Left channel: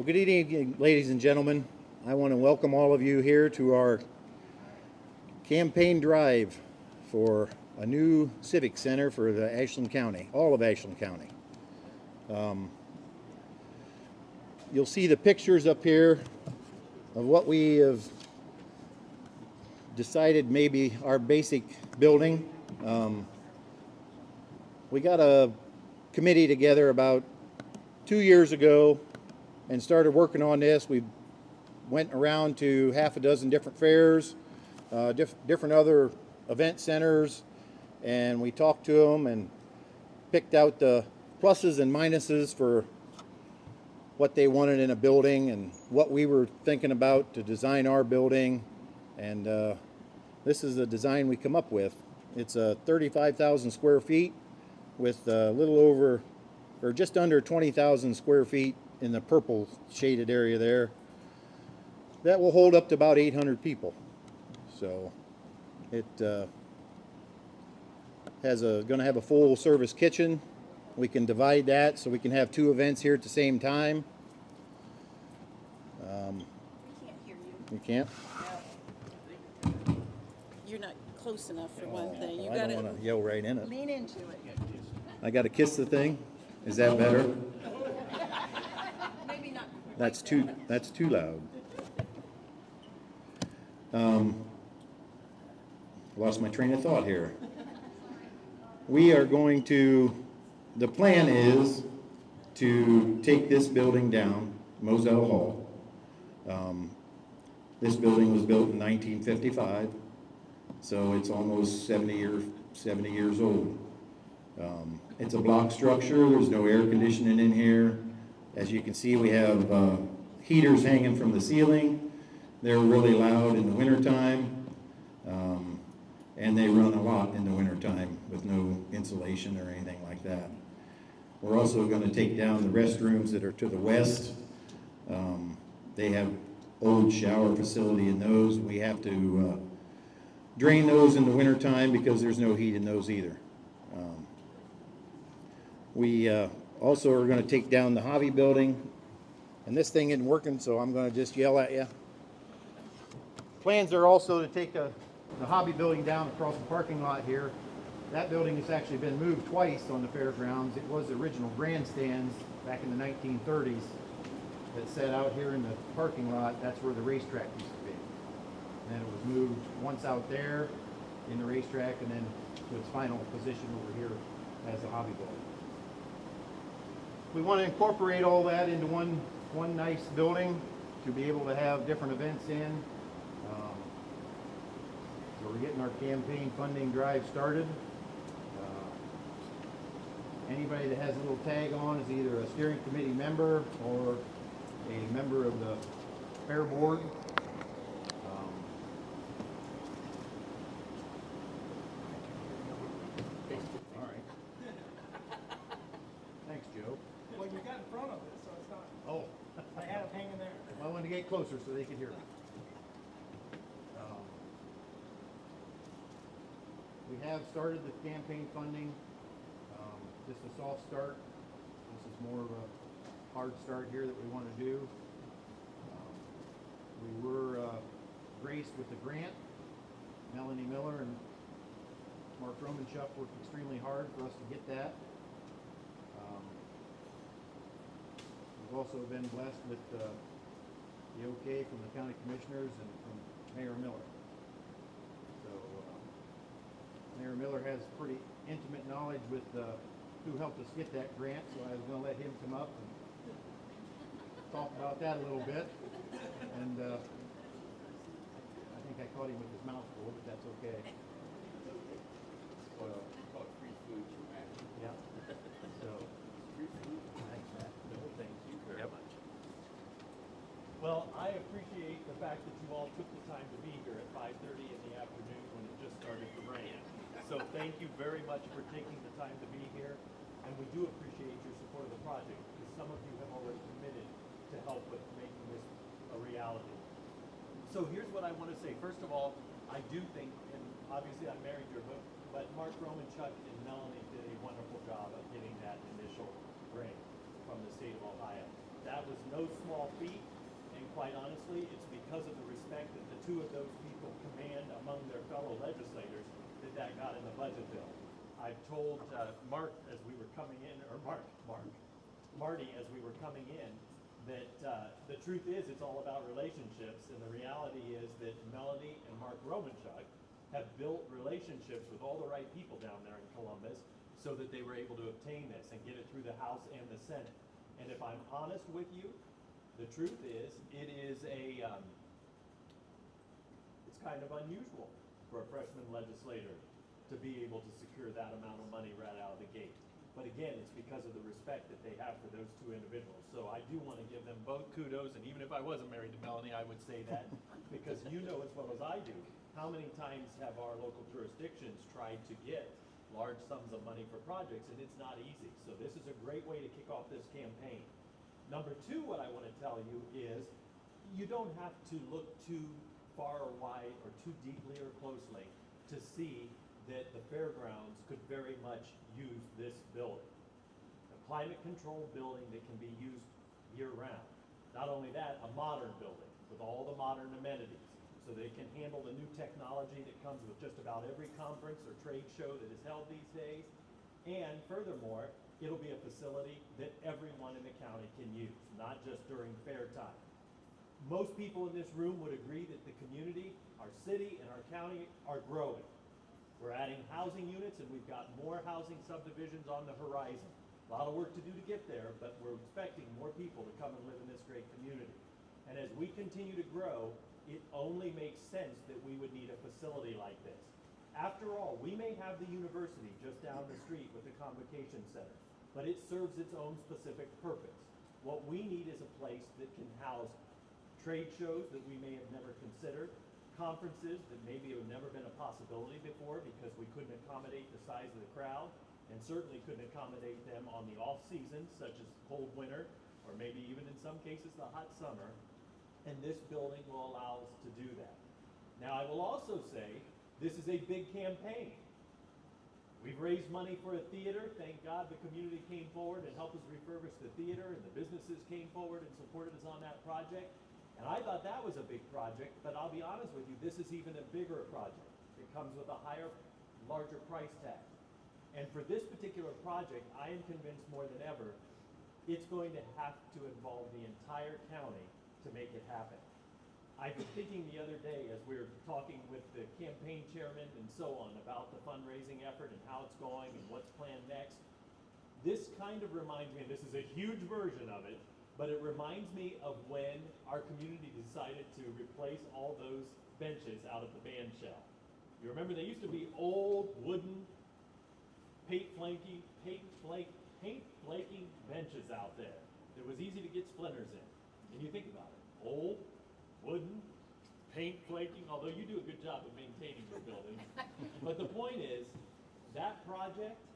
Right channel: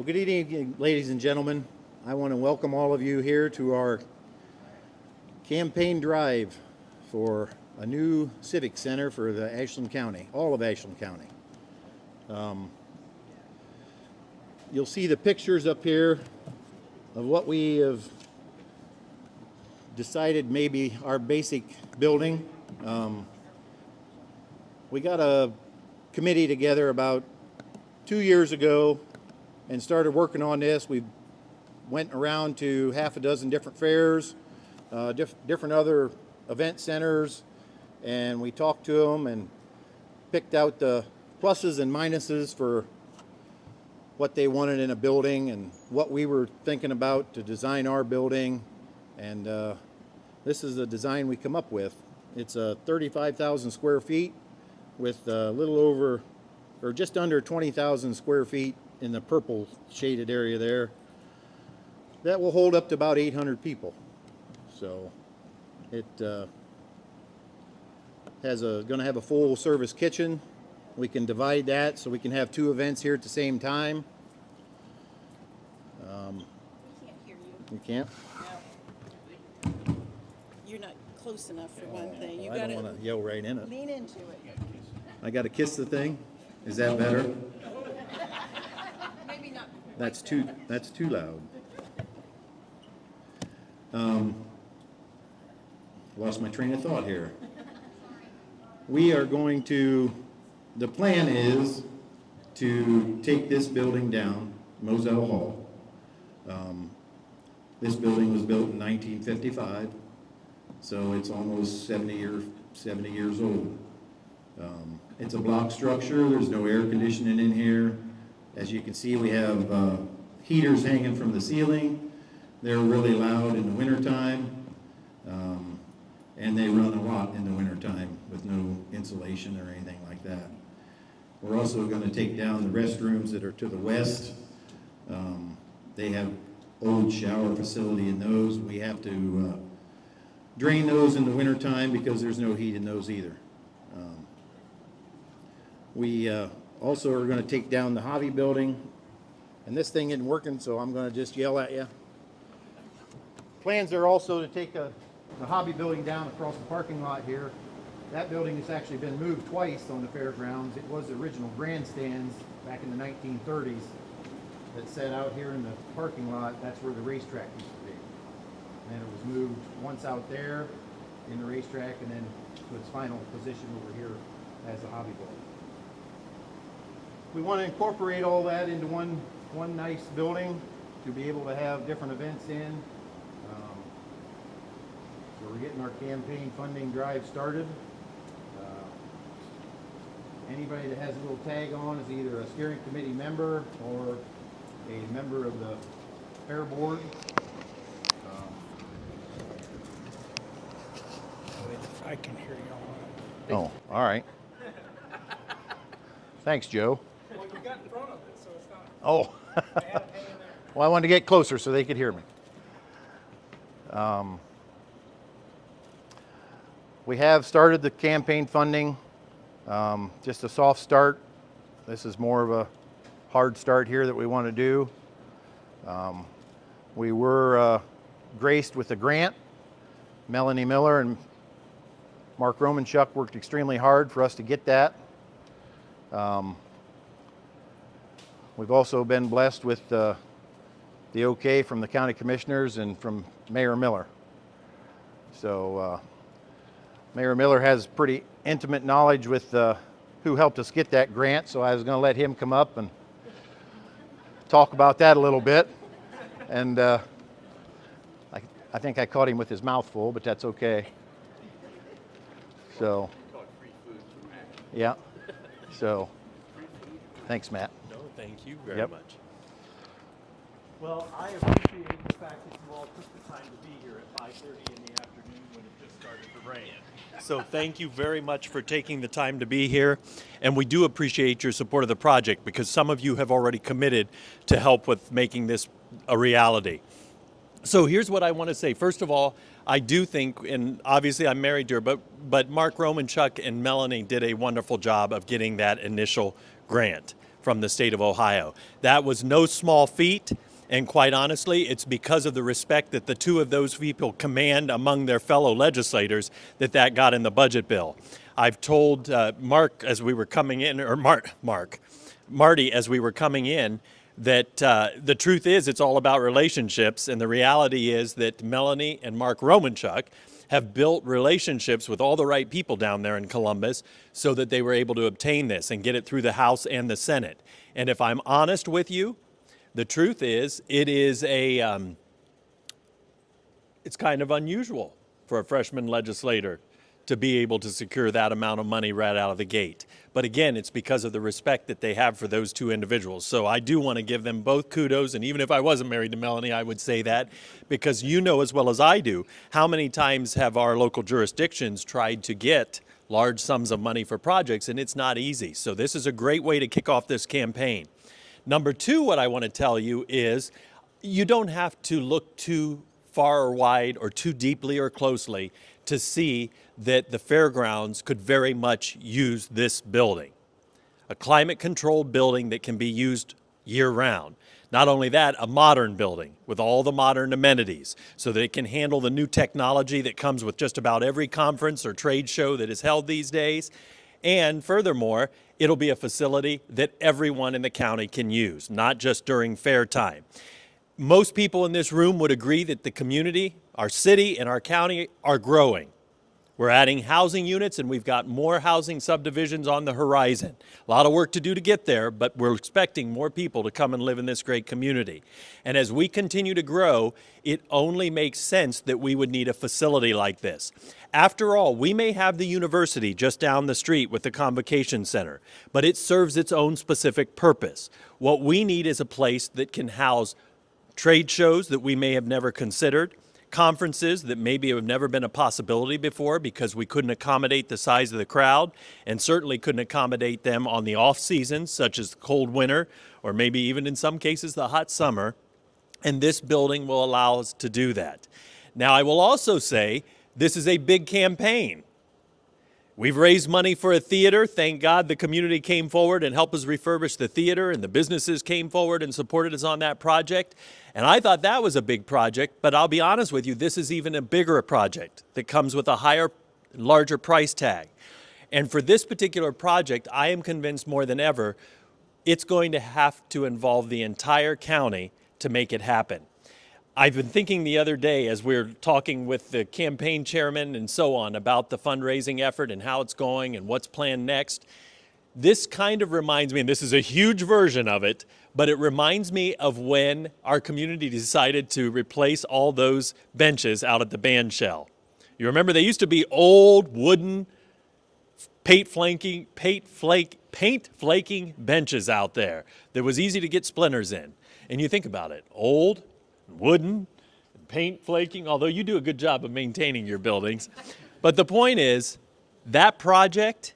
Well, good evening, ladies and gentlemen. I want to welcome all of you here to our campaign drive for a new civic center for the Ashland County, all of Ashland County. You'll see the pictures up here of what we have decided maybe our basic building. We got a committee together about 2 years ago and started working on this. We went around to half a dozen different fairs, different other event centers, and we talked to them and picked out the pluses and minuses for what they wanted in a building and what we were thinking about to design our building. And this is the design we come up with. It's 35,000 square feet with a little over or just under 20,000 square feet in the purple shaded area there. That will hold up to about 800 people. So it going to have a full service kitchen. We can divide that so we can have 2 events here at the same time. We can't hear you. You can't? No. You're not close enough for one thing. You I got don't to want to yell right in it. lean into it. I got to kiss the thing. Is that better? Maybe not. That's too loud. Lost my train of thought here. We are going to, the plan is to take this building down, Moselle Hall. This building was built in 1955, so it's almost 70 years old. It's a block structure. There's no air conditioning in here. As you can see, we have heaters hanging from the ceiling. They're really loud in the wintertime, and they run a lot in the wintertime with no insulation or anything like that. We're also going to take down the restrooms that are to the west. They have old shower facility in those. We have to drain those in the wintertime because there's no heat in those either. We also are going to take down the hobby building, and this thing isn't working, so I'm going to just yell at you. Plans are also to take the hobby building down across the parking lot here. That building has actually been moved twice on the fairgrounds. It was the original grandstands back in the 1930s that sat out here in the parking lot. That's where the racetrack used to be. And then it was moved once out there in the racetrack and then to its final position over here as a hobby building. We want to incorporate all that into one nice building to be able to have different events in. So we're getting our campaign funding drive started. Anybody that has a little tag on is either a steering committee member or a member of the fair board. I can hear you. Oh, all right. Thanks, Joe. Well, you got in front of it, so it's not. Oh. I had it hanging there. Well, I wanted to get closer so they could hear me. We have started the campaign funding, just a soft start. This is more of a hard start here that we want to do. We were graced with a grant. Melanie Miller and Mark Romanchuk worked extremely hard for us to get that. We've also been blessed with the okay from the county commissioners and from Mayor Miller. So Mayor Miller has pretty intimate knowledge with who helped us get that grant, so I was going to let him come up and talk about that a little bit. And I think I caught him with his mouth full, but that's okay. So, yeah. So, thanks, Matt. No, thank you very Yep. much. Well, I appreciate the fact that you all took the time to be here at 5:30 in the afternoon when it just started to rain. So thank you very much for taking the time to be here. And we do appreciate your support of the project because some of you have already committed to help with making this a reality. So here's what I want to say. First of all, I do think, and obviously I'm married to her, but Mark Romanchuk and Melanie did a wonderful job of getting that initial grant. from the state of Ohio. That was no small feat, and quite honestly, it's because of the respect that the two of those people command among their fellow legislators that got in the budget bill. I've told Mark as we were coming in, or Marty as we were coming in, that the truth is it's all about relationships, and the reality is that Melanie and Mark Romanchuk have built relationships with all the right people down there in Columbus so that they were able to obtain this and get it through the House and the Senate. And if I'm honest with you, the truth is it is it's kind of unusual for a freshman legislator to be able to secure that amount of money right out of the gate. But again, it's because of the respect that they have for those two individuals. So I do want to give them both kudos, and even if I wasn't married to Melanie, I would say that, because you know as well as I do, how many times have our local jurisdictions tried to get large sums of money for projects, and it's not easy. So this is a great way to kick off this campaign. Number two, what I want to tell you is you don't have to look too far or wide or too deeply or closely to see that the fairgrounds could very much use this building. A climate-controlled building that can be used year-round. Not only that, a modern building with all the modern amenities so that it can handle the new technology that comes with just about every conference or trade show that is held these days. And furthermore, it'll be a facility that everyone in the county can use, not just during fair time. Most people in this room would agree that the community, our city, and our county are growing. We're adding housing units, and we've got more housing subdivisions on the horizon. A lot of work to do to get there, but we're expecting more people to come and live in this great community. And as we continue to grow, it only makes sense that we would need a facility like this. After all, we may have the university just down the street with the Convocation Center, but it serves its own specific purpose. What we need is a place that can house trade shows that we may have never considered, conferences that maybe have never been a possibility before because we couldn't accommodate the size of the crowd, and certainly couldn't accommodate them on the off seasons, such as the cold winter, or maybe even in some cases the hot summer. And this building will allow us to do that. Now, I will also say this is a big campaign. We've raised money for a theater. Thank God the community came forward and helped us refurbish the theater, and the businesses came forward and supported us on that project. And I thought that was a big project, but I'll be honest with you, this is even a bigger project that comes with a higher, larger price tag. And for this particular project, I am convinced more than ever, it's going to have to involve the entire county to make it happen. I've been thinking the other day as we were talking with the campaign chairman and so on about the fundraising effort and how it's going and what's planned next. This kind of reminds me, and this is a huge version of it, but it reminds me of when our community decided to replace all those benches out at the band shell. You remember they used to be old wooden paint flaking benches out there that was easy to get splinters in. And you think about it, old, wooden, paint flaking, although you do a good job of maintaining your buildings. But the point is, that project,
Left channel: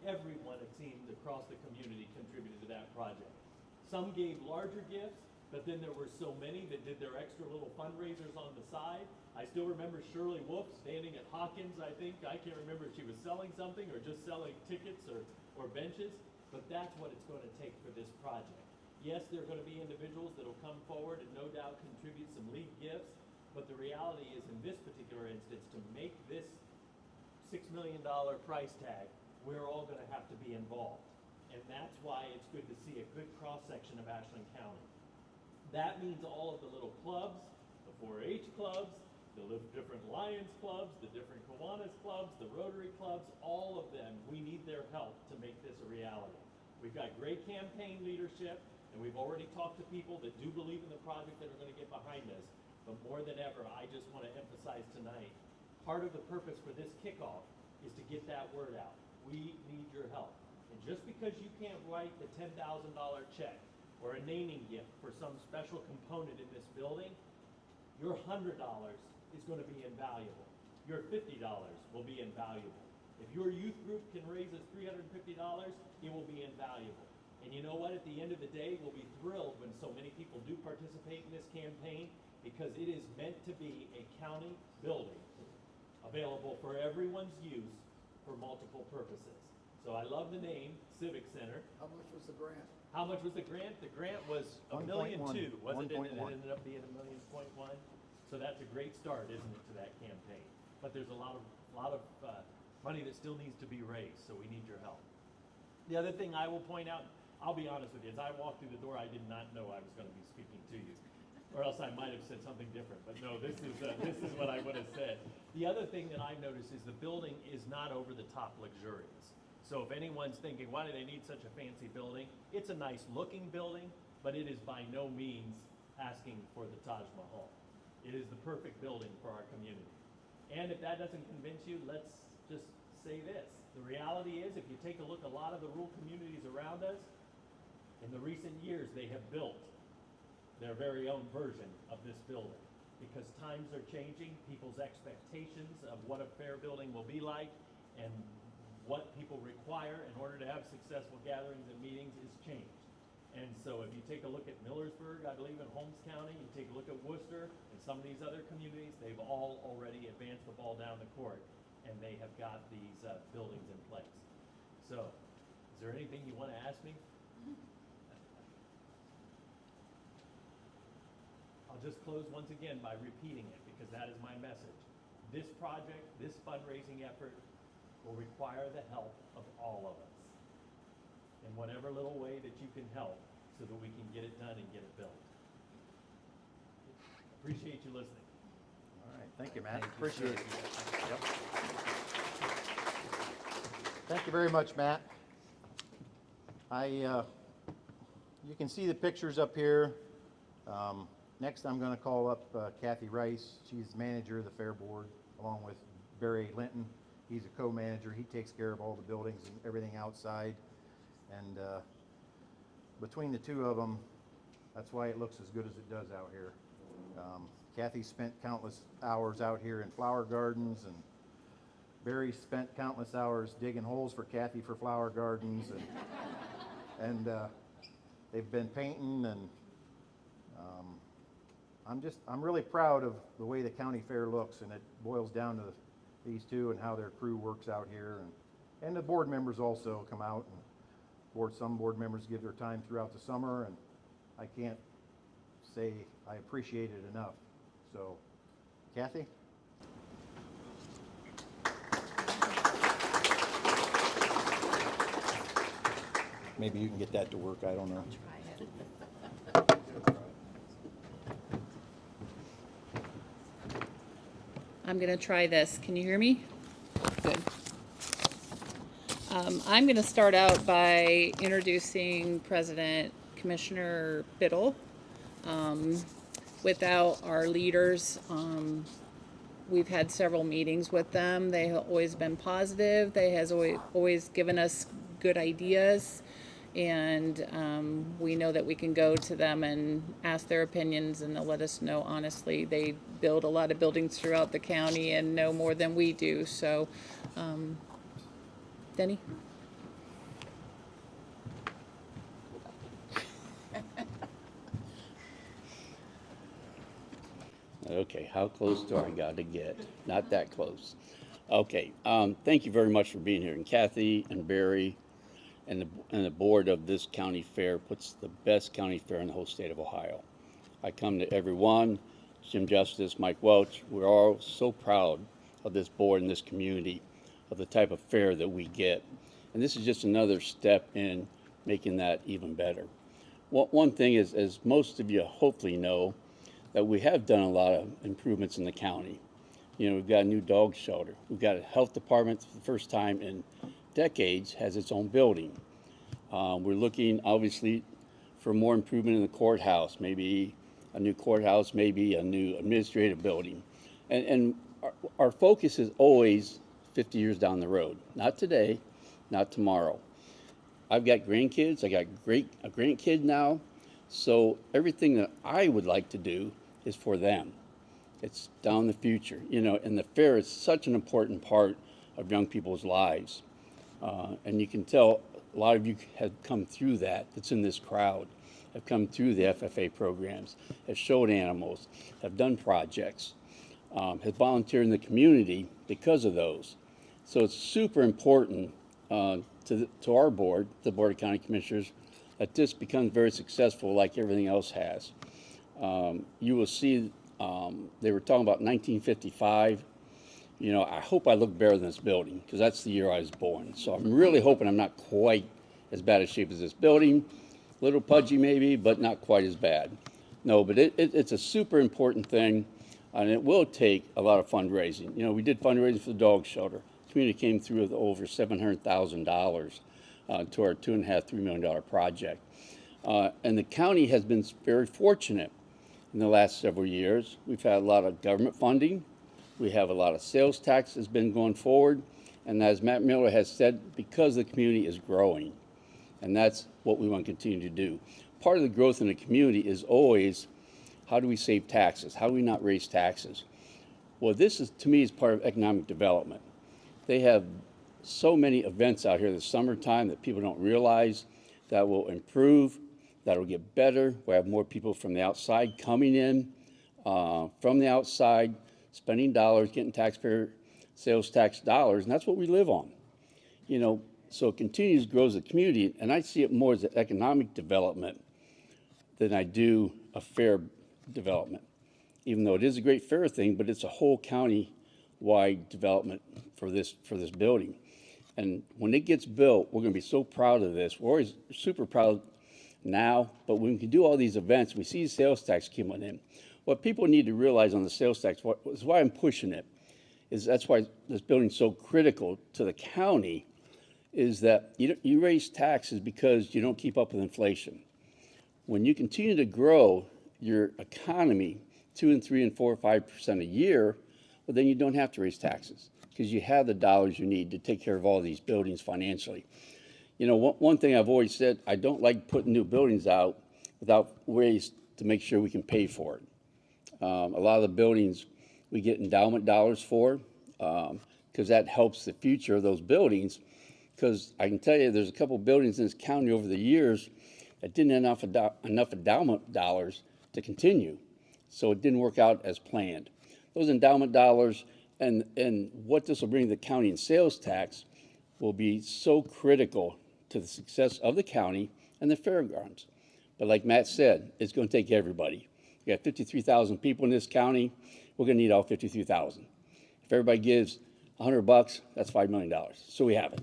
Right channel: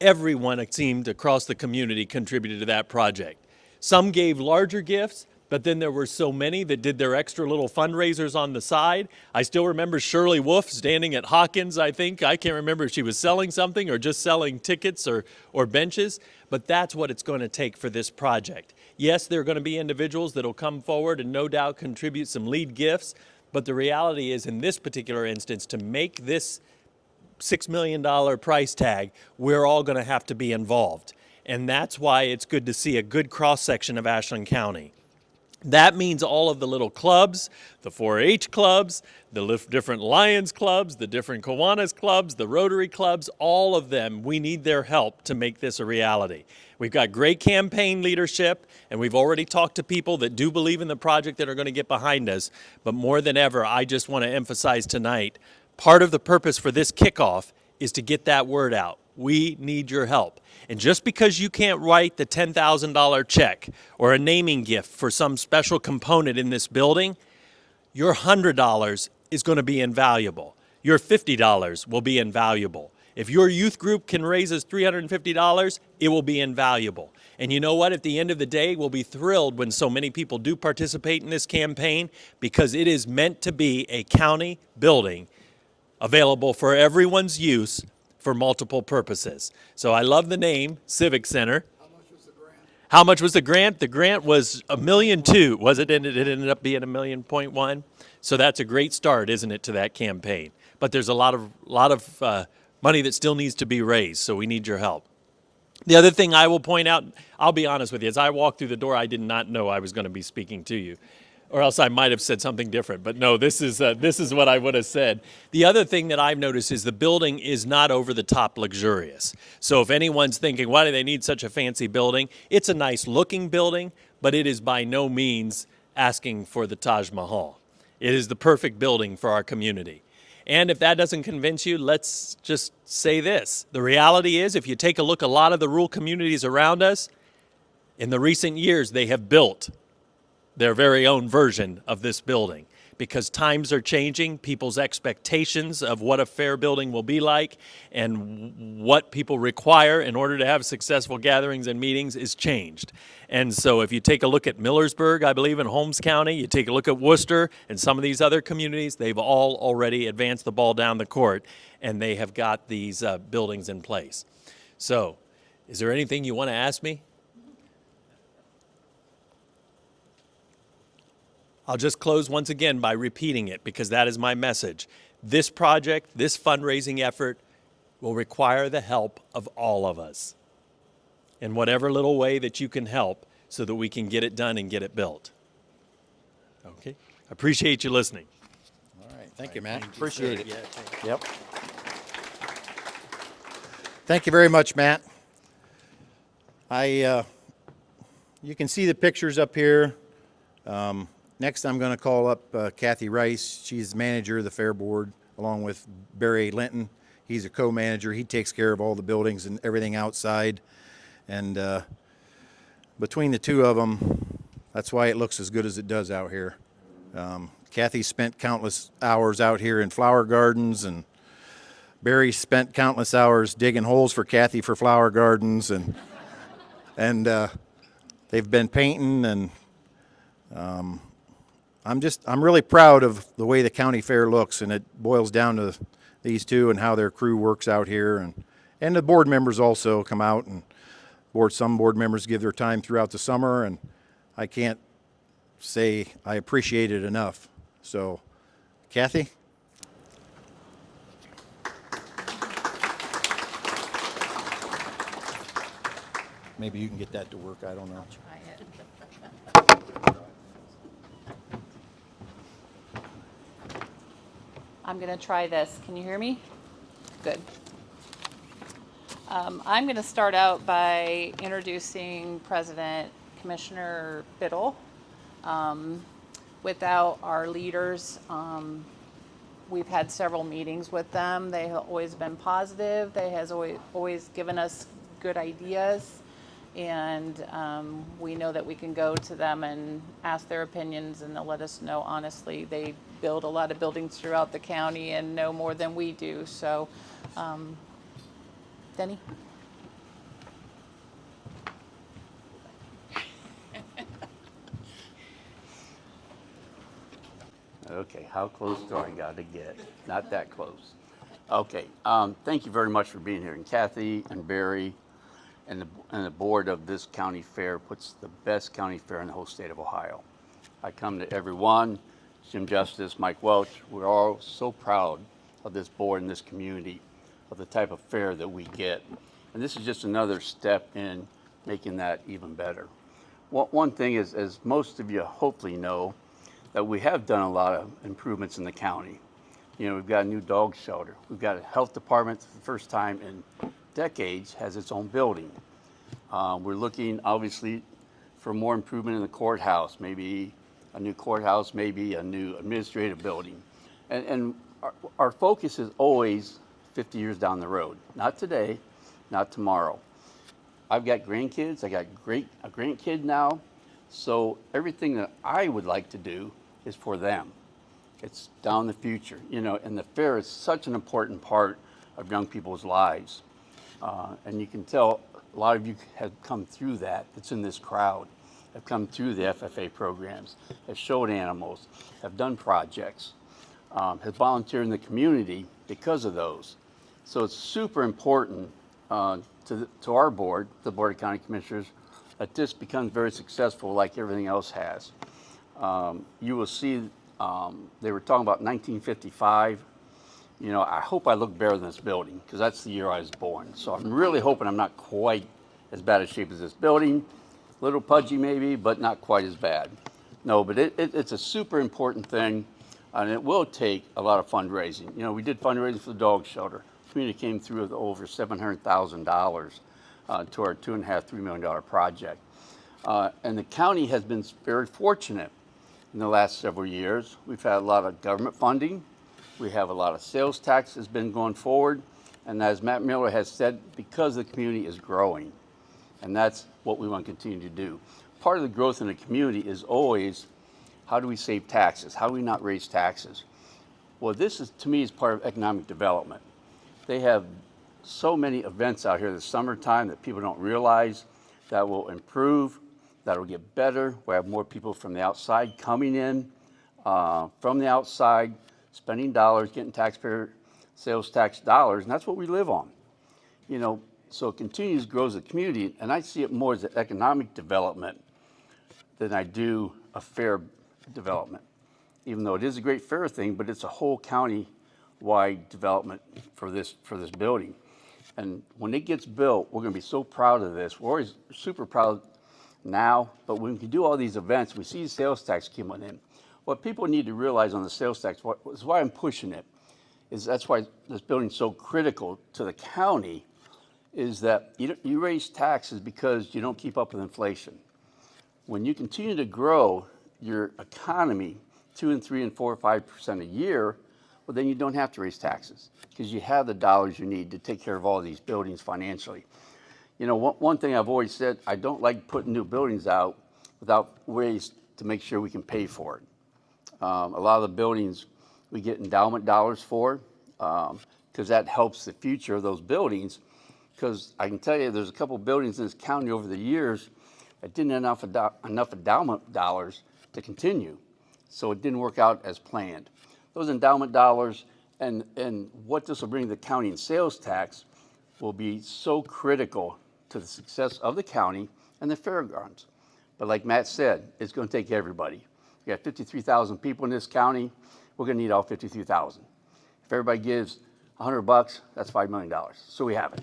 everyone, it seemed, across the community contributed to that project. Some gave larger gifts, but then there were so many that did their extra little fundraisers on the side. I still remember Shirley Wolf standing at Hawkins, I think. I can't remember if she was selling something or just selling tickets or benches, but that's what it's going to take for this project. Yes, there are going to be individuals that will come forward and no doubt contribute some lead gifts, but the reality is in this particular instance, to make this $6 million price tag, we're all going to have to be involved. And that's why it's good to see a good cross-section of Ashland County. That means all of the little clubs, the 4-H clubs, the different Lions clubs, the different Kiwanis clubs, the Rotary clubs, all of them, we need their help to make this a reality. We've got great campaign leadership, and we've already talked to people that do believe in the project that are going to get behind us. But more than ever, I just want to emphasize tonight, part of the purpose for this kickoff is to get that word out. We need your help. And just because you can't write the $10,000 check or a naming gift for some special component in this building, your $100 is going to be invaluable. Your $50 will be invaluable. If your youth group can raise us $350, it will be invaluable. And you know what? At the end of the day, we'll be thrilled when so many people do participate in this campaign, because it is meant to be a county building available for everyone's use for multiple purposes. So I love the name, Civic Center. How much was the grant? How much was the grant? The grant was $1.2 million, was it? And it ended up being $1.1 million. So that's a great start, isn't it, to that campaign? But there's a lot of money that still needs to be raised, so we need your help. The other thing I will point out, I'll be honest with you, as I walked through the door, I did not know I was going to be speaking to you, or else I might have said something different. But no, this is what I would have said. The other thing that I've noticed is the building is not over the top luxurious. So if anyone's thinking, why do they need such a fancy building? It's a nice looking building, but it is by no means asking for the Taj Mahal. It is the perfect building for our community. And if that doesn't convince you, let's just say this. The reality is, if you take a look, a lot of the rural communities around us, in the recent years, they have built their very own version of this building because times are changing. People's expectations of what a fair building will be like and what people require in order to have successful gatherings and meetings is changed. And so if you take a look at Millersburg, I believe in Holmes County, you take a look at Worcester and some of these other communities, they've all already advanced the ball down the court and they have got these buildings in place. So is there anything you want to ask me? I'll just close once again by repeating it because that is my message. This project, this fundraising effort will require the help of all of us in whatever little way that you can help so that we can get it done and get it built. Okay? Appreciate you listening. All right, thank you, Matt. Appreciate it. Yeah. Yep. Thank you very much, Matt. You can see the pictures up here. Next, I'm going to call up Kathy Rice. She's the manager of the Fair Board, along with Barry Linton. He's a co-manager. He takes care of all the buildings and everything outside. And between the two of them, that's why it looks as good as it does out here. Kathy spent countless hours out here in flower gardens, and Barry spent countless hours digging holes for Kathy for flower gardens, and they've been painting, and I'm really proud of the way the county fair looks, and it boils down to these two and how their crew works out here, and the board members also come out, and some board members give their time throughout the summer, and I can't say I appreciate it enough. So, Kathy? Maybe you can get that to work, I don't know. I'm going to try this. Can you hear me? Good. I'm going to start out by introducing President Commissioner Biddle. Without our leaders, we've had several meetings with them. They have always been positive. They has always given us good ideas. And we know that we can go to them and ask their opinions, and they'll let us know honestly. They build a lot of buildings throughout the county and know more than we do. So, Denny? Okay, how close do I got to get? Not that close. Okay, thank you very much for being here. And Kathy and Barry and the board of this county fair puts the best county fair in the whole state of Ohio. I come to every one, Jim Justice, Mike Welch. We're all so proud of this board and this community, of the type of fair that we get. And this is just another step in making that even better. One thing is, as most of you hopefully know, that we have done a lot of improvements in the county. You know, we've got a new dog shelter. We've got a health department for the first time in decades has its own building. We're looking obviously for more improvement in the courthouse, maybe a new courthouse, maybe a new administrative building. And our focus is always 50 years down the road, not today, not tomorrow. I've got grandkids, I got a grandkid now, so everything that I would like to do is for them. It's down the future, you know, and the fair is such an important part of young people's lives. And you can tell a lot of you have come through that. It's in this crowd. Have come through the FFA programs, have showed animals, have done projects, have volunteered in the community because of those. So it's super important to our board, the Board of County Commissioners, that this becomes very successful like everything else has. You will see, they were talking about 1955. You know, I hope I look better than this building because that's the year I was born. So I'm really hoping I'm not quite as bad a shape as this building. A little pudgy maybe, but not quite as bad. No, but it's a super important thing, and it will take a lot of fundraising. You know, we did fundraising for the dog shelter. The community came through with over $700,000 to our $2.5–3 million project. And the county has been very fortunate in the last several years. We've had a lot of government funding. We have a lot of sales tax that's been going forward. And as Matt Miller has said, because the community is growing, and that's what we want to continue to do. Part of the growth in the community is always, how do we save taxes? How do we not raise taxes? Well, this is, to me, is part of economic development. They have so many events out here this summertime that people don't realize that will improve, that will get better. We'll have more people from the outside coming in, from the outside, spending dollars, getting taxpayer sales tax dollars, and that's what we live on. You know, so it continues to grow as a community, and I see it more as an economic development than I do a fair development. Even though it is a great fair thing, but it's a whole county-wide development for this building. And when it gets built, we're going to be so proud of this. We're always super proud now, but when we can do all these events, we see sales tax coming in. What people need to realize on the sales tax, is why I'm pushing it, is that's why this building's so critical to the county, is that you raise taxes because you don't keep up with inflation. When you continue to grow your economy 2 and 3 and 4 or 5% a year, well, then you don't have to raise taxes because you have the dollars you need to take care of all these buildings financially. You know, one thing I've always said, I don't like putting new buildings out without ways to make sure we can pay for it. A lot of the buildings we get endowment dollars for because that helps the future of those buildings. Because I can tell you there's a couple of buildings in this county over the years that didn't have enough endowment dollars to continue. So it didn't work out as planned. Those endowment dollars and what this will bring to the county in sales tax will be so critical to the success of the county and the fairgrounds. But like Matt said, it's going to take everybody. We got 53,000 people in this county. We're going to need all 53,000. If everybody gives $100, that's $5 million. So we have it.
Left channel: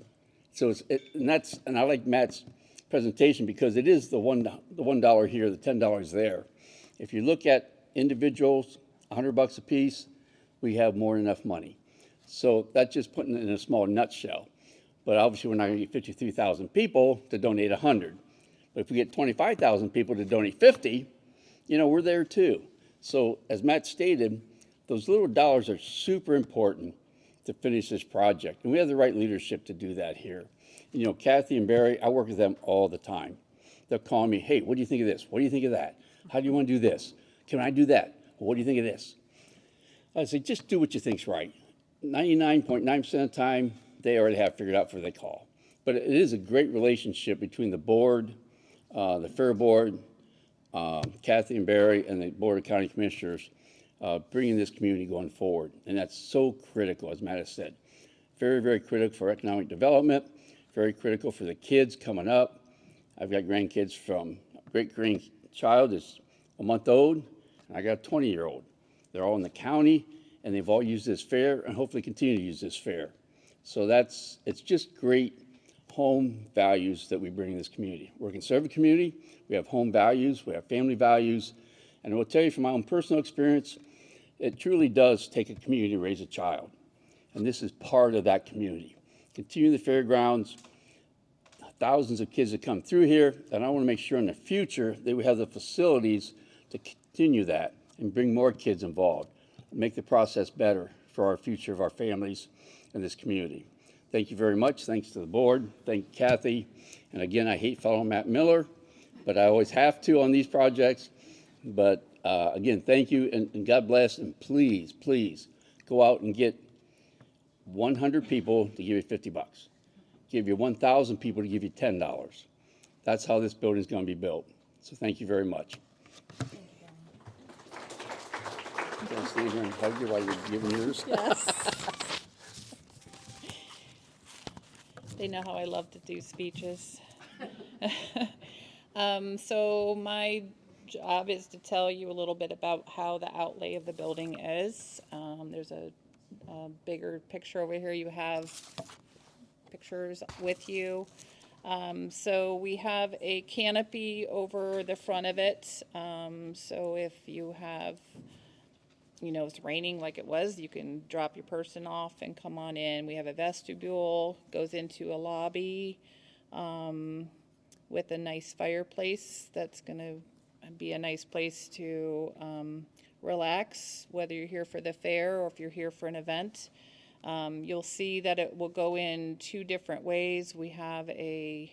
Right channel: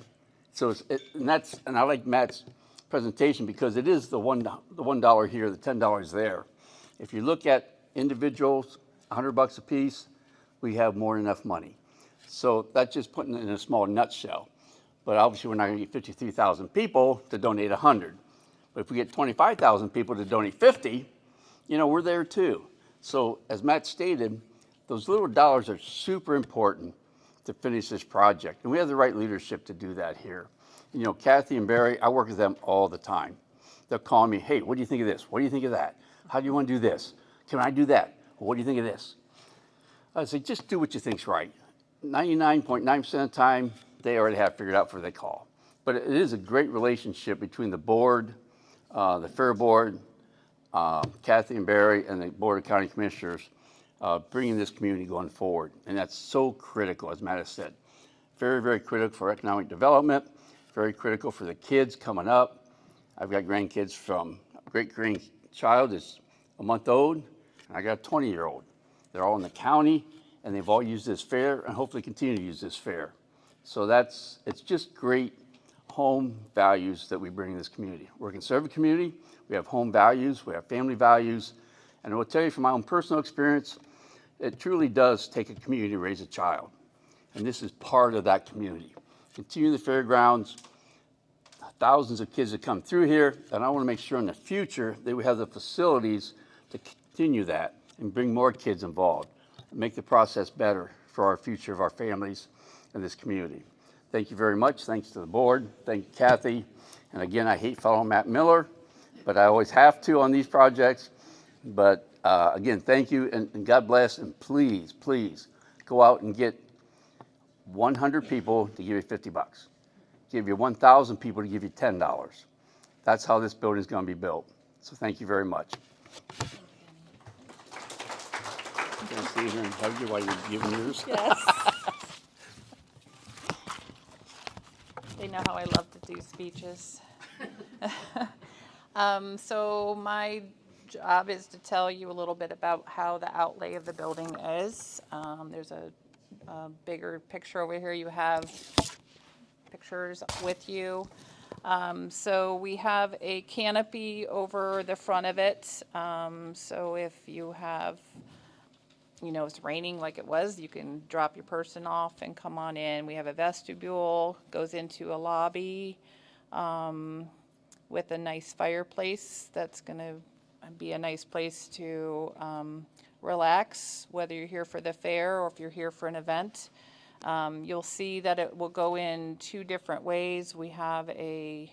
So and I like Matt's presentation because it is the $1 here, the $10 there. If you look at individuals, $100 a piece, we have more than enough money. So that's just putting it in a small nutshell. But obviously, we're not going to get 53,000 people to donate 100. But if we get 25,000 people to donate 50, you know, we're there too. So as Matt stated, those little dollars are super important to finish this project. And we have the right leadership to do that here. You know, Kathy and Barry, I work with them all the time. They'll call me, hey, what do you think of this? What do you think of that? How do you want to do this? Can I do that? What do you think of this? I say, just do what you think's right. 99.9% of the time, they already have figured out before they call. But it is a great relationship between the board, the fair board, Kathy and Barry, and the Board of County Commissioners, bringing this community going forward. And that's so critical, as Matt has said. Very, very critical for economic development, very critical for the kids coming up. I've got grandkids from a great-grandchild is a month old, and I got a 20-year-old. They're all in the county, and they've all used this fair and hopefully continue to use this fair. So it's just great home values that we bring in this community. We're a conservative community. We have home values. We have family values. And I will tell you from my own personal experience, it truly does take a community to raise a child. And this is part of that community. Continue the fairgrounds. Thousands of kids that come through here, and I want to make sure in the future that we have the facilities to continue that and bring more kids involved and make the process better for our future of our families and this community. Thank you very much. Thanks to the board. Thank you, Kathy. And again, I hate following Matt Miller, but I always have to on these projects. But again, thank you, and God bless, and please, please go out and get 100 people to give you $50. Give you 1,000 people to give you $10. That's how this building is going to be built. So thank you very much. Okay, Stephen, hug you while you're giving yours. Yes. They know how I love to do speeches. So my job is to tell you a little bit about how the outlay of the building is. There's a bigger picture over here. You have pictures with you. So we have a canopy over the front of it. So if you have, it's raining like it was, you can drop your person off and come on in. We have a vestibule, goes into a lobby with a nice fireplace. That's going to be a nice place to relax, whether you're here for the fair or if you're here for an event. You'll see that it will go in two different ways. We have a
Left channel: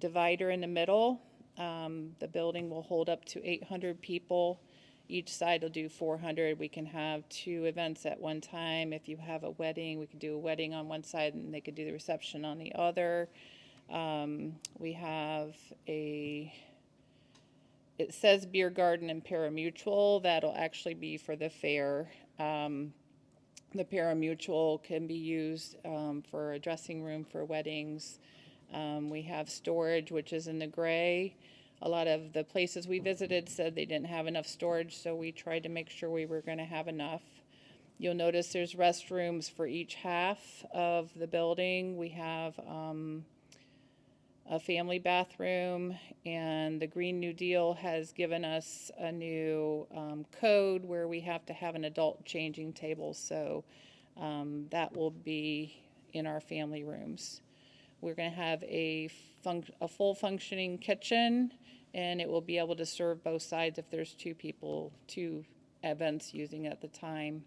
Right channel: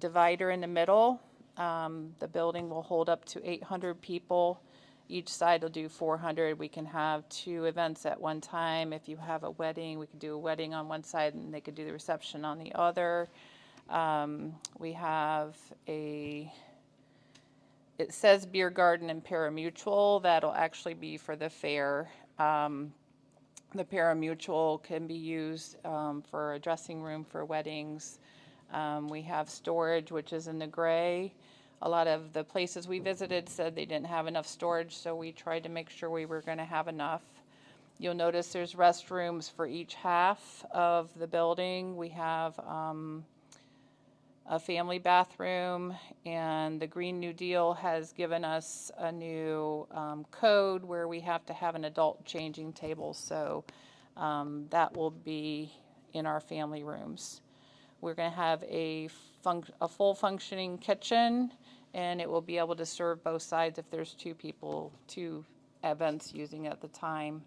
divider in the middle. The building will hold up to 800 people. Each side will do 400. We can have two events at one time. If you have a wedding, we could do a wedding on one side and they could do the reception on the other. We have it says beer garden and parimutuel. That'll actually be for the fair. The parimutuel can be used for a dressing room for weddings. We have storage, which is in the gray. A lot of the places we visited said they didn't have enough storage, so we tried to make sure we were going to have enough. You'll notice there's restrooms for each half of the building. We have a family bathroom, and the Green New Deal has given us a new code where we have to have an adult changing table, so that will be in our family rooms. We're going to have a full functioning kitchen, and it will be able to serve both sides if there's two events using it at the time.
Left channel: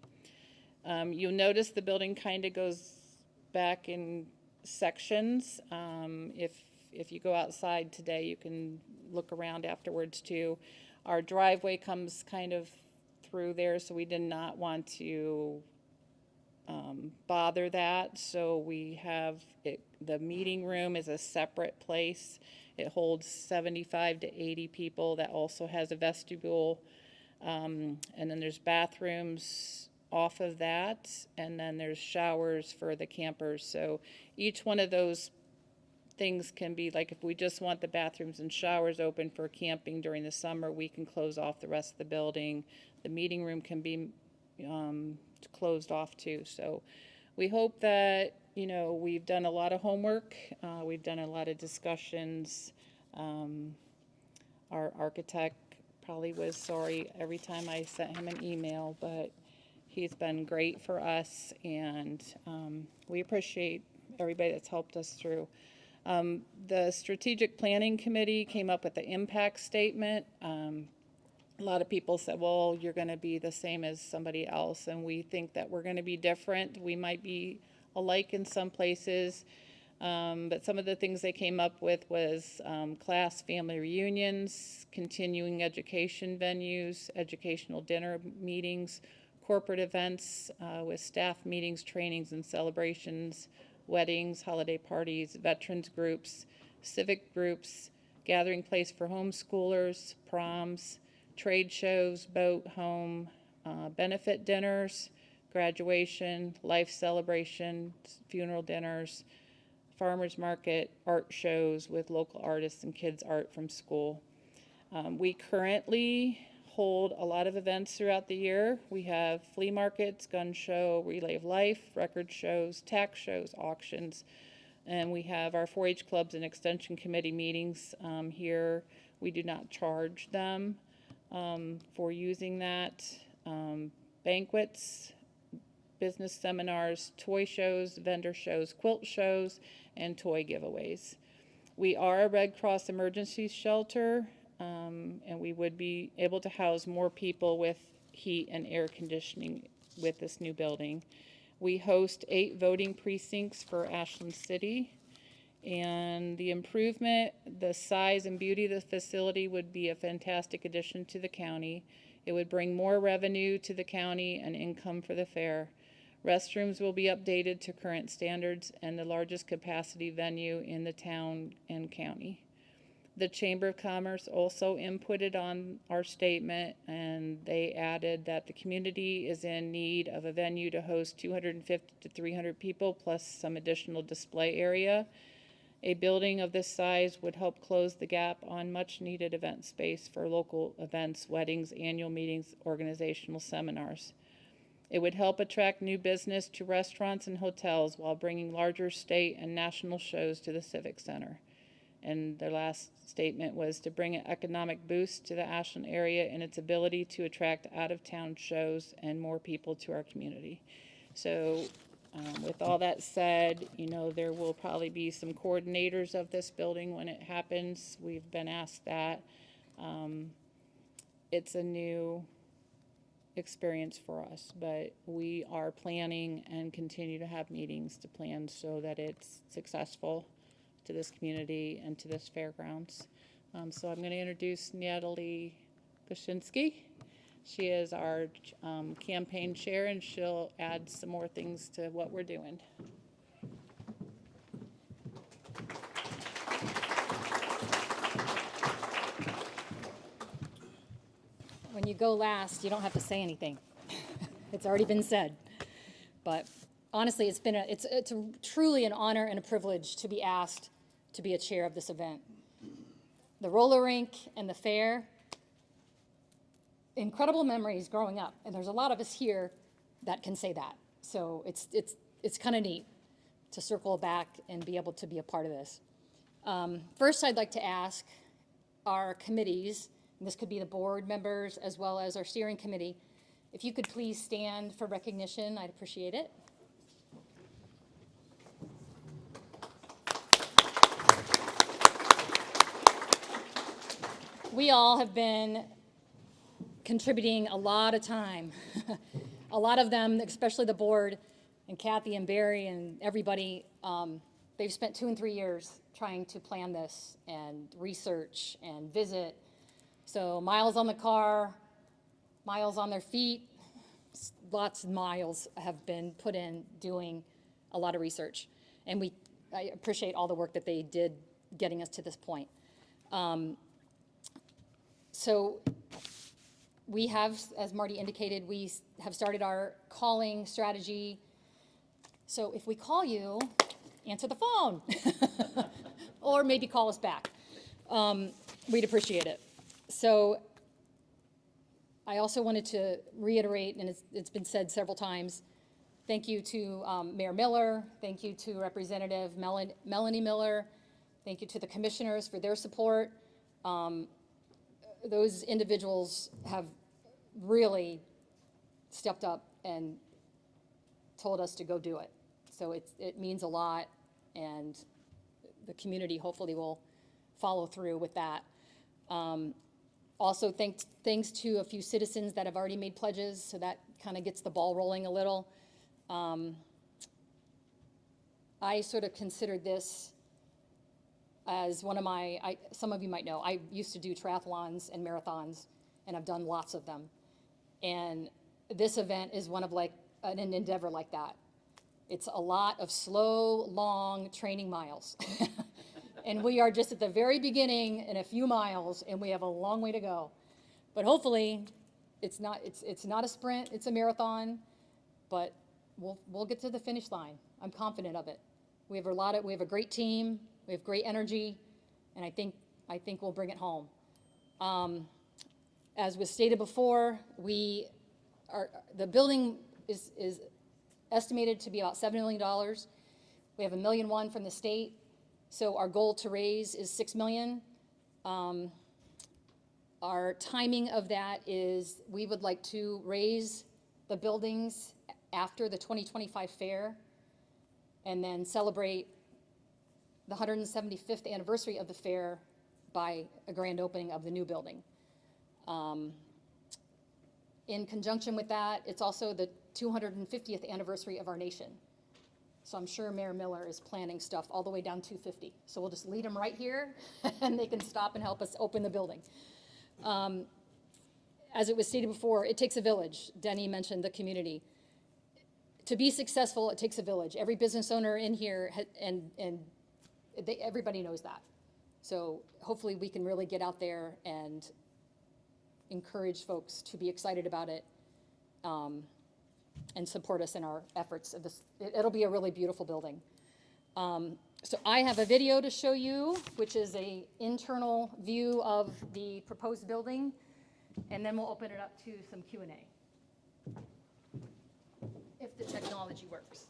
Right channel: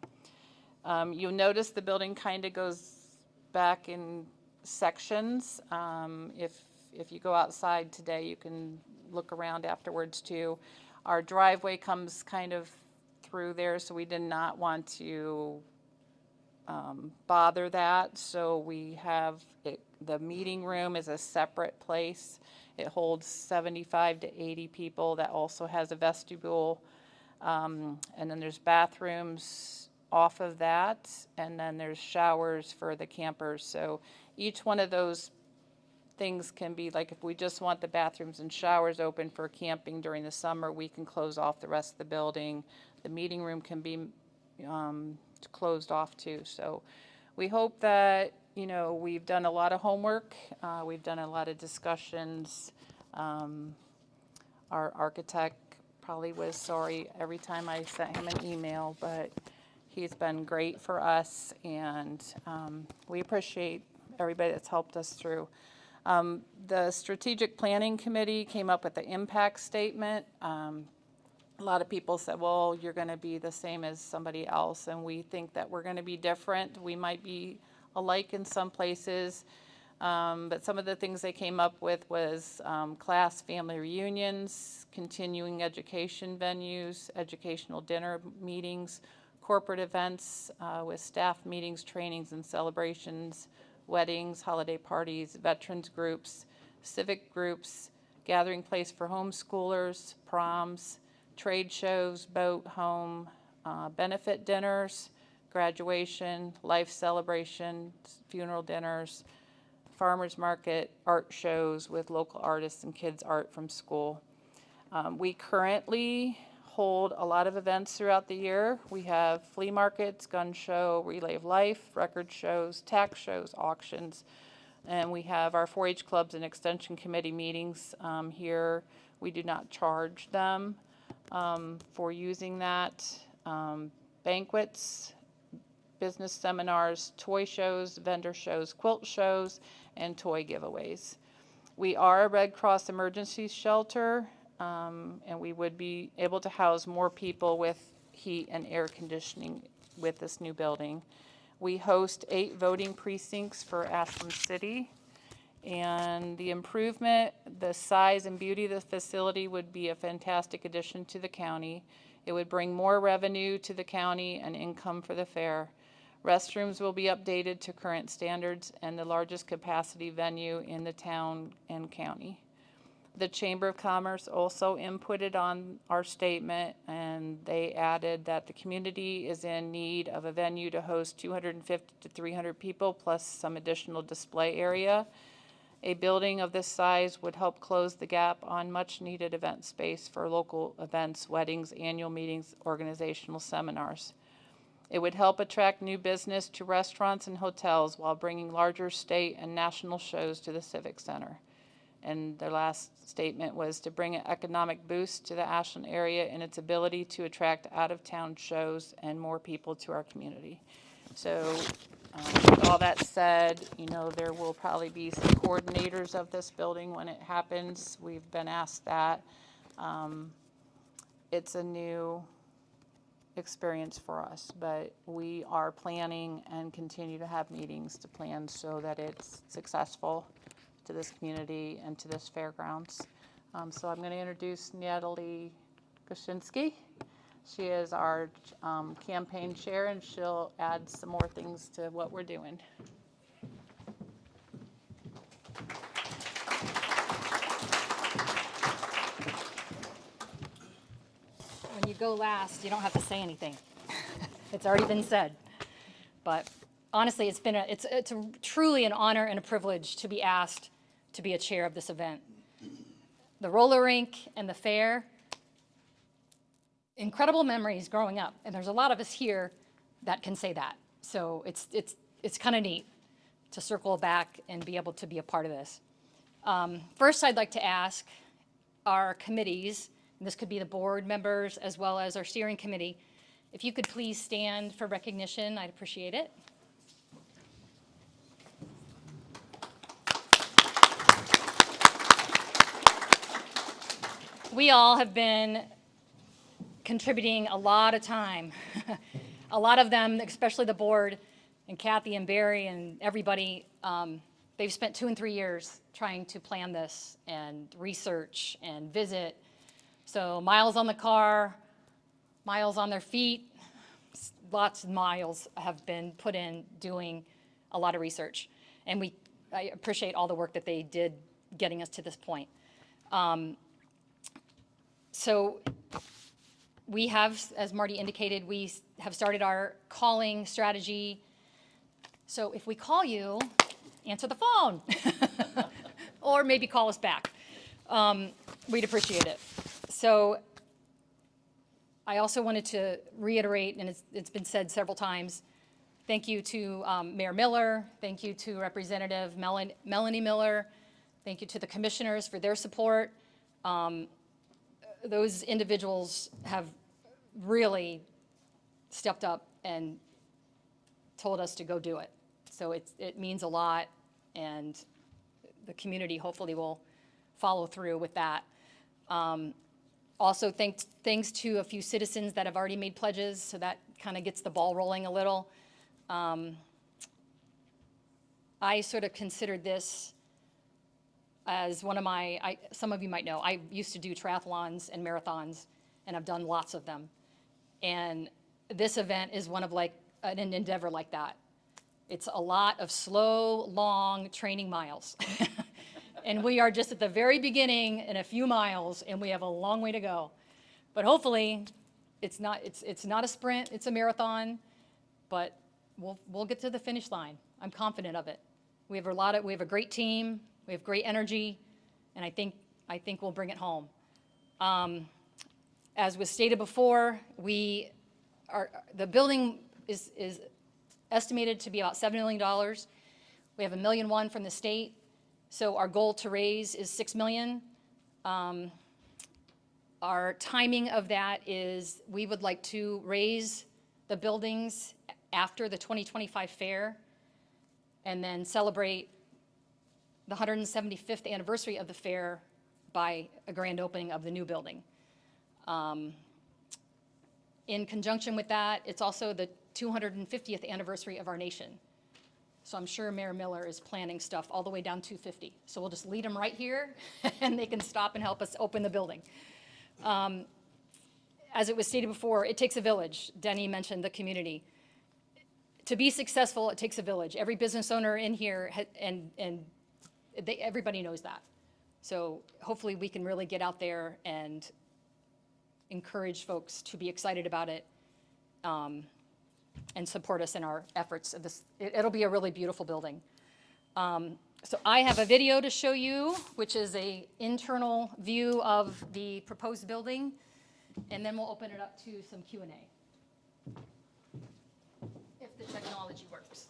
You'll notice the building kind of goes back in sections. If you go outside today, you can look around afterwards too. Our driveway comes kind of through there, so we did not want to bother that. So we have it, the meeting room is a separate place. It holds 75 to 80 people. That also has a vestibule. And then there's bathrooms off of that. And then there's showers for the campers. So each one of those things can be, like, if we just want the bathrooms and showers open for camping during the summer, we can close off the rest of the building. The meeting room can be closed off too. So we hope that, we've done a lot of homework. We've done a lot of discussions. Our architect probably was sorry every time I sent him an email, but he's been great for us, and we appreciate everybody that's helped us through. The Strategic Planning Committee came up with the impact statement. A lot of people said, well, you're going to be the same as somebody else, and we think that we're going to be different. We might be alike in some places, but some of the things they came up with was class family reunions, continuing education venues, educational dinner meetings, corporate events with staff meetings, trainings, and celebrations, weddings, holiday parties, veterans groups, civic groups, gathering place for homeschoolers, proms, trade shows, boat, home, benefit dinners, graduation, life celebrations, funeral dinners, farmers market, art shows with local artists and kids' art from school. We currently hold a lot of events throughout the year. We have flea markets, gun show, relay of life, record shows, tax shows, auctions, and we have our 4-H clubs and extension committee meetings here. We do not charge them for using that. Banquets, business seminars, toy shows, vendor shows, quilt shows, and toy giveaways. We are a Red Cross emergency shelter, and we would be able to house more people with heat and air conditioning with this new building. We host 8 voting precincts for Ashland City, and the improvement, the size and beauty of the facility would be a fantastic addition to the county. It would bring more revenue to the county and income for the fair. Restrooms will be updated to current standards and the largest capacity venue in the town and county. The Chamber of Commerce also inputted on our statement, and they added that the community is in need of a venue to host 250 to 300 people plus some additional display area. A building of this size would help close the gap on much-needed event space for local events, weddings, annual meetings, organizational seminars. It would help attract new business to restaurants and hotels while bringing larger state and national shows to the Civic Center. And their last statement was to bring an economic boost to the Ashland area and its ability to attract out-of-town shows and more people to our community. So with all that said, there will probably be some coordinators of this building when it happens. We've been asked that. It's a new experience for us, but we are planning and continue to have meetings to plan so that it's successful to this community and to this fairgrounds. So I'm going to introduce Natalie Koshinsky. She is our campaign chair, and she'll add some more things to what we're doing. When you go last, you don't have to say anything. It's already been said. But honestly, it's truly an honor and a privilege to be asked to be a chair of this event. The roller rink and the fair, incredible memories growing up, and there's a lot of us here that can say that. So it's kind of neat to circle back and be able to be a part of this. First, I'd like to ask our committees, and this could be the board members as well as our steering committee, if you could please stand for recognition, I'd appreciate it. We all have been contributing a lot of time. A lot of them, especially the board and Kathy and Barry and everybody, they've spent 2 and 3 years trying to plan this and research and visit. So miles on the car, miles on their feet, lots of miles have been put in doing a lot of research. And I appreciate all the work that they did getting us to this point. So we have, as Marty indicated, we have started our calling strategy. So if we call you, answer the phone or maybe call us back. We'd appreciate it. So I also wanted to reiterate, and it's been said several times, thank you to Mayor Miller, thank you to Representative Melanie Miller, thank you to the commissioners for their support. Those individuals have really stepped up and told us to go do it. So it means a lot, and the community hopefully will follow through with that. Also, thanks to a few citizens that have already made pledges, so that kind of gets the ball rolling a little. I sort of considered this as one of some of you might know, I used to do triathlons and marathons, and I've done lots of them. And this event is one of an endeavor like that. It's a lot of slow, long training miles. And we are just at the very beginning in a few miles, and we have a long way to go. But hopefully, it's not a sprint, it's a marathon, but we'll get to the finish line. I'm confident of it. We have a great team, we have great energy, and I think we'll bring it home. As was stated before, the building is estimated to be about $7 million. We have $1.1 million from the state. So our goal to raise is $6 million. Our timing of that is we would like to raise the buildings after the 2025 fair and then celebrate the 175th anniversary of the fair by a grand opening of the new building. In conjunction with that, it's also the 250th anniversary of our nation. So I'm sure Mayor Miller is planning stuff all the way down 250. So we'll just lead them right here, and they can stop and help us open the building. As it was stated before, it takes a village. Denny mentioned the community. To be successful, it takes a village. Every business owner in here, everybody knows that. So hopefully we can really get out there and encourage folks to be excited about it. And support us in our efforts of this. It'll be a really beautiful building. So I have a video to show you, which is a internal view of the proposed building, and then we'll open it up to some Q&A. If the technology works.